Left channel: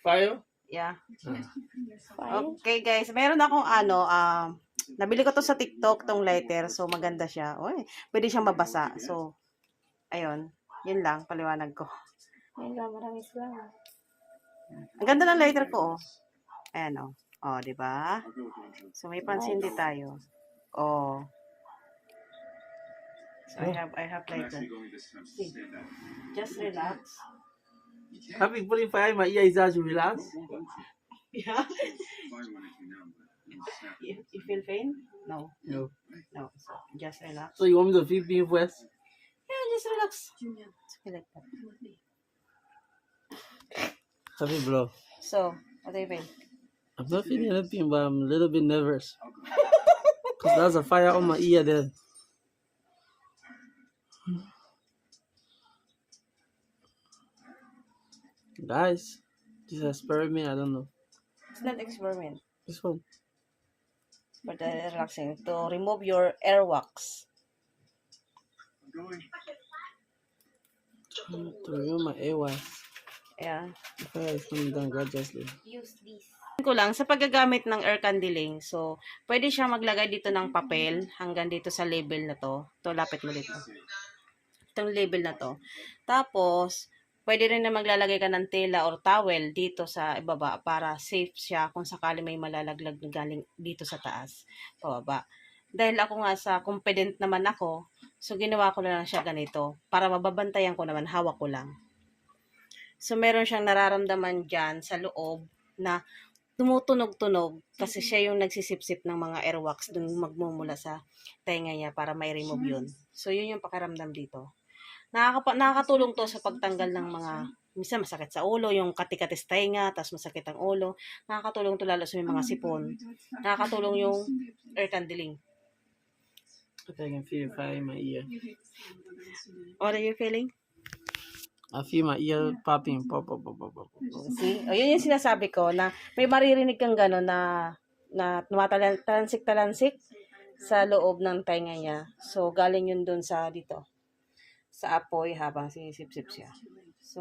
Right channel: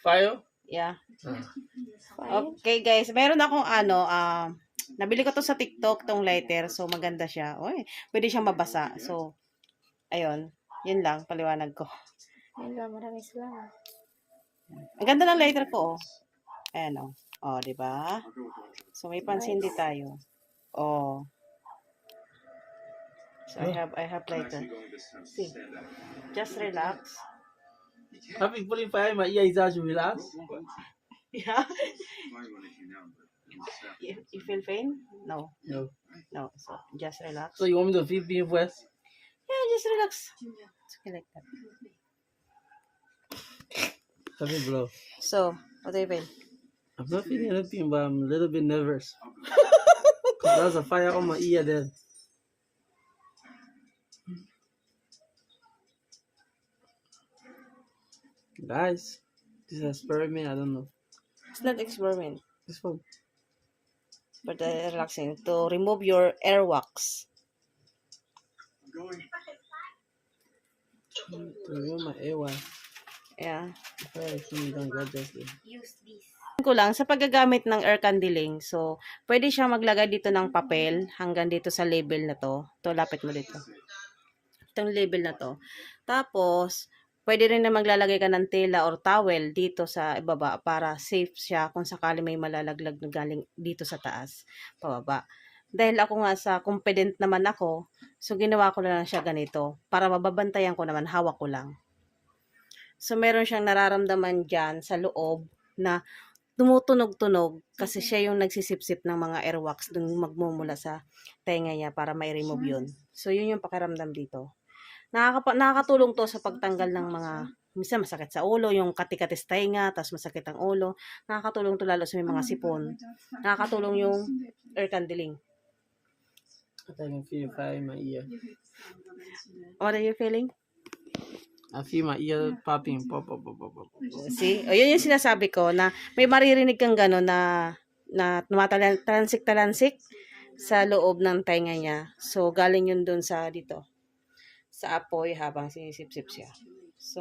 Fire? Yeah. Ah. Okay guys, meron akong ano, um, nabili ko to sa TikTok, tong lighter. So maganda siya. Uy, pwede siyang mabasa. So, ayun. Yun lang, paliwanag ko. Ayun lang, maraming salamat. Ang ganda ng lighter ko, oh. Ayan, oh. Oh, di ba? So, may pansin din tayo. Oh. So, I have, I have lighter. See, just relax. Having putting fire in my ear is that you relax? Yeah. You, you feel pain? No, No. no. So, just relax. So you want me to feel pain first? Yeah, just relax. It's okay like that. Have it, bro. So, what do you feel? I'm not feeling anything, but I'm a little bit nervous. Cause there's a fire on my ear then. Guys, this is experiment, I don't know. It's not experiment, This one. but uh, relaxing to remove your airwax. To remove my airway. Yeah. I film done gradually. Use this. ko lang sa paggagamit ng air candling. So, pwede siya maglagay dito ng papel hanggang dito sa label na to. To lapit mo dito. Itong label na to. Tapos, pwede rin na maglalagay ka ng tela or towel dito sa ibaba para safe siya kung sakali may malalaglag na galing dito sa taas, pababa. Dahil ako nga sa confident naman ako, so ginawa ko na lang siya ganito para mababantayan ko naman, hawak ko lang. So, meron siyang nararamdaman dyan sa loob na tumutunog-tunog kasi siya yung nagsisipsip ng mga airwax dun magmumula sa tenga niya para may remove yun. So, yun yung pakiramdam dito. Nakakapa- nakakatulong to sa pagtanggal ng mga minsan masakit sa ulo, yung katikatis tenga, tapos masakit ang ulo. Nakakatulong to lalo sa may mga sipon. Nakakatulong yung air candling. I think I can feel fire my ear. What are you feeling? I feel my ear popping. Pop, pop, pop, pop, pop. See? O, yun yung sinasabi ko na may maririnig kang gano'n na na tumatalansik-talansik sa loob ng tenga niya. So, galing yun dun sa dito. Sa apoy habang sinisip-sip siya. So,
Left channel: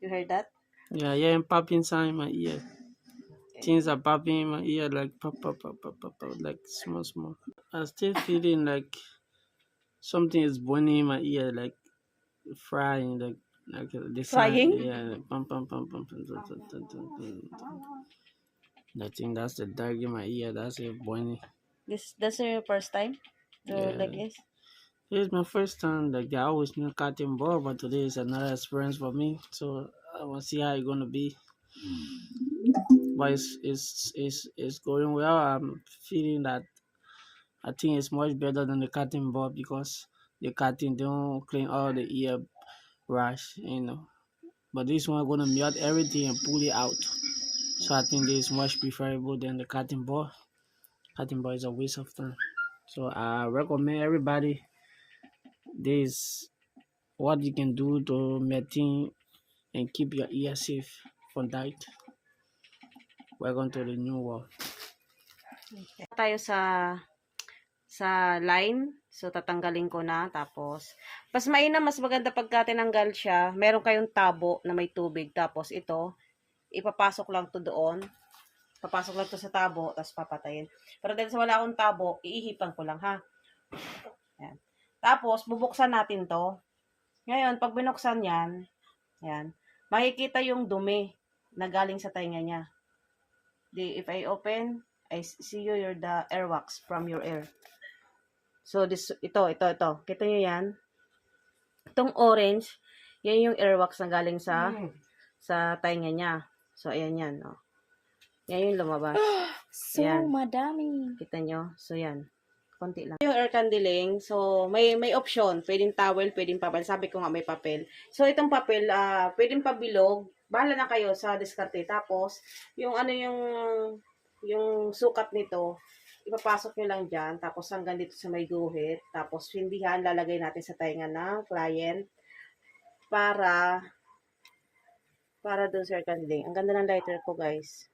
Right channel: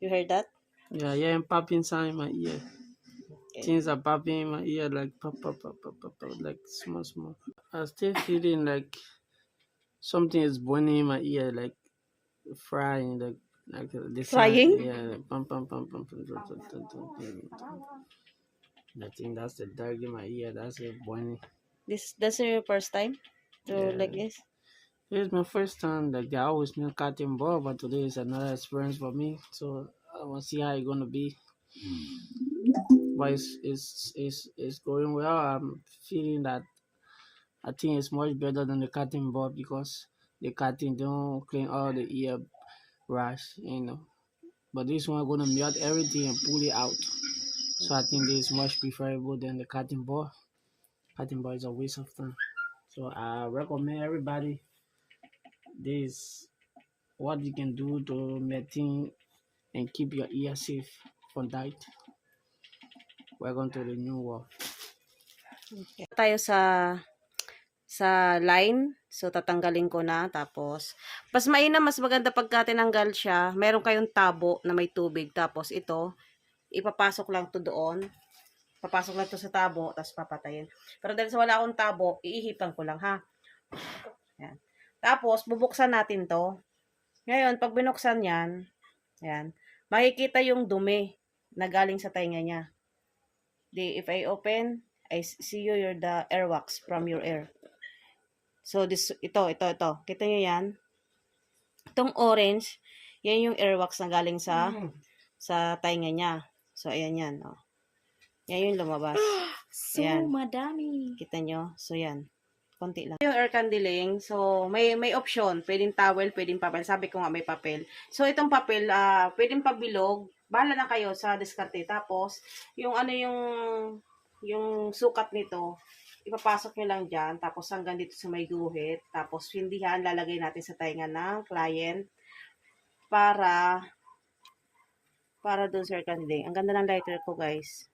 you heard that? Yeah, yeah, and popping sound in my ear. Things are popping in my ear like pop, pop, pop, pop, pop, pop, like small, small. I'm still feeling like something is burning in my ear, like frying, like like uh, the sound- Frying? Yeah, pum, pum, pum, pum, pum, dun, dun, dun, dun, dun, dun. I think that's the dark in my ear. That's it burning. This That's your first time to Yeah. like this? It's my first time. Like I always knew cutting board, but today is another experience for me. So I want to see how it's gonna be. But it's it's it's, it's going well. I'm feeling that I think it's much better than the cutting board because the cutting don't clean all the ear brush, you know. But this one gonna melt everything and pull it out. So I think this is much preferable than the cutting board. Cutting board is a waste of time. So I recommend everybody this what you can do to maintain and keep your ear safe from that. Welcome to the new world. Tayo sa sa line. So, tatanggalin ko na. Tapos, mas mainam, mas maganda pagka tinanggal siya. Meron kayong tabo na may tubig. Tapos, ito, ipapasok lang to doon. Papasok lang to sa tabo, tapos papatayin. Pero dahil sa wala akong tabo, iihipan ko lang, ha? Yan. Tapos, bubuksan natin to. Ngayon, pag binuksan yan, yan, makikita yung dumi na galing sa tainga niya. Di, if I open, I see you your the airwax from your air. So this ito ito ito. Kita niyo 'yan? Itong orange, yan yung airwax na galing sa sa tainga niya. So ayan yan, oh. Yan yung lumabas. So, Ayan. madami. Kita nyo? So, yan. Konti lang. Yung air candling, so, may may option. Pwedeng towel, pwedeng papel. Sabi ko nga may papel. So, itong papel, ah pwedeng pabilog. Bahala na kayo sa diskarte. Tapos, yung ano yung, yung sukat nito, ipapasok nyo lang dyan. Tapos, hanggang dito sa may guhit. Tapos, hindihan, lalagay natin sa tainga ng client para para dun sa air candling. Ang ganda ng lighter ko, guys.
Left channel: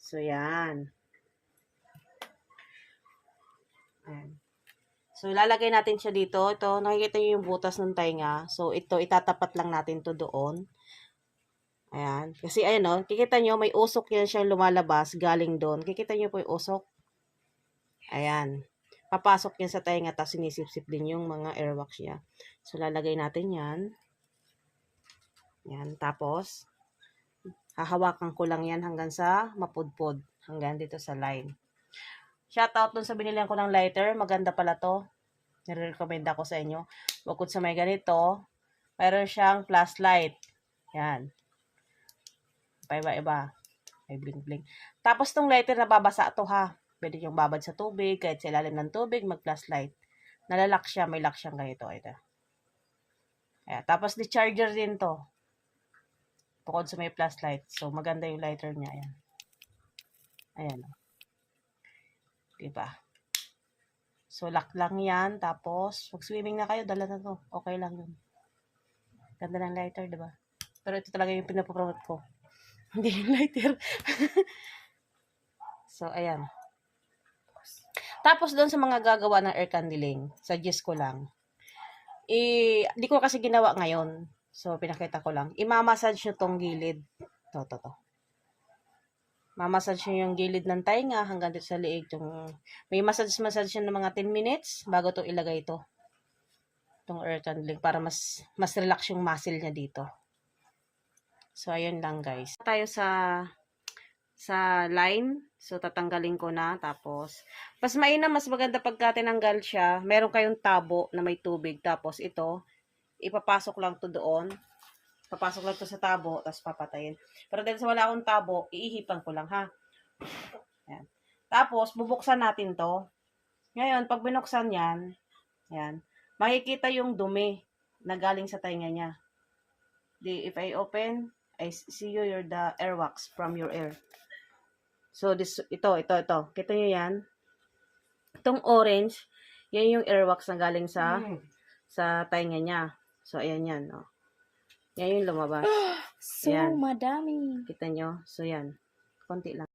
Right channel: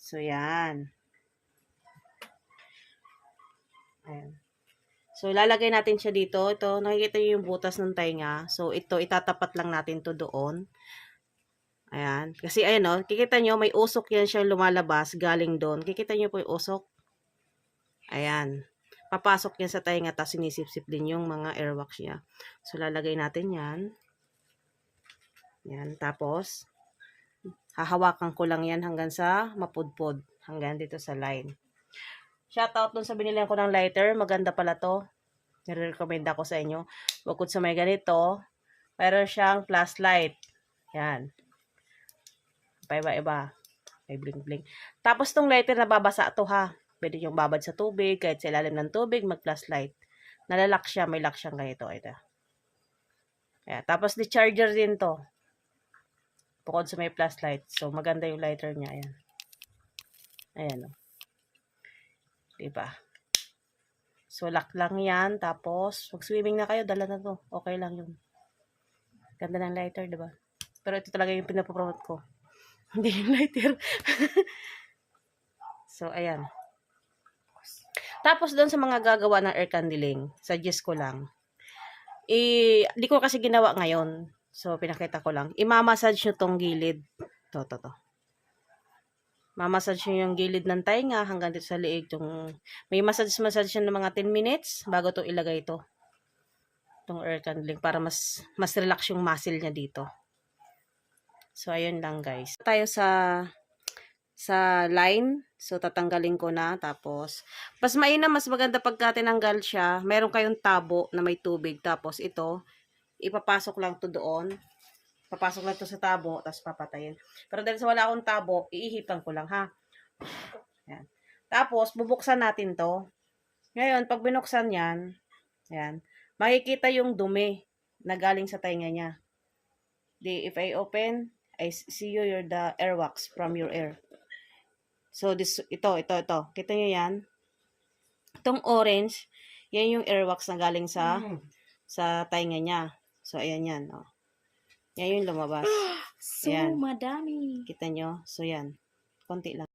So, yan. Ayan. So, lalagay natin siya dito. Ito, nakikita niyo yung butas ng tainga. So, ito, itatapat lang natin to doon. Ayan. Kasi ayan o, kikita nyo, may usok yan siya lumalabas galing doon. Kikita nyo po yung usok. Ayan. Papasok yan sa tainga tapos sinisip-sip din yung mga airwax niya. So, lalagay natin yan. Yan. Tapos, hahawakan ko lang yan hanggang sa mapudpod. Hanggang dito sa line. Shoutout dun sa binilihan ko ng lighter. Maganda pala to. Nire-recommend ako sa inyo. Bukod sa may ganito, mayroon siyang flashlight. Yan. Paiba-iba. May bling-bling. Tapos tong lighter nababasa to ha. Pwede yung babad sa tubig, kahit sa ilalim ng tubig, mag-flashlight. Nalalak siya, may lock siyang ganito. Ito. Ayan. Tapos di charger din to. Bukod sa may flashlight. So maganda yung lighter niya. Ayan. Ayan o. Diba? So lock lang yan. Tapos, mag-swimming na kayo, dala na to. Okay lang yun. Ganda ng lighter, diba? Pero ito talaga yung pinapromote ko. Hindi yung lighter. so, ayan. Tapos, doon sa mga gagawa ng air candling, suggest ko lang, i, di ko kasi ginawa ngayon. So, pinakita ko lang. Imamassage nyo tong gilid. To, to, to. Mamassage nyo yung gilid ng tainga hanggang dito sa liig. Yung, may massage-massage nyo ng mga 10 minutes bago to ilagay ito. Itong air candling para mas, mas relax yung muscle niya dito. So, ayun lang guys. Tayo sa sa line. So, tatanggalin ko na. Tapos, mas mainam, mas maganda pagka tinanggal siya. Meron kayong tabo na may tubig. Tapos, ito, ipapasok lang to doon. Papasok lang to sa tabo, tapos papatayin. Pero dahil sa wala akong tabo, iihipan ko lang ha. Yan. Tapos, bubuksan natin to. Ngayon, pag binuksan yan, yan, makikita yung dumi na galing sa tainga niya. Di, if I open, I see you your the airwax from your air. So, this, ito, ito, ito. Kita nyo yan? Itong orange, yan yung airwax na galing sa, sa tainga niya. So, ayan yan, oh. Yan yung lumabas. So, Ayan. madami. Kita nyo? So, yan. Konti lang.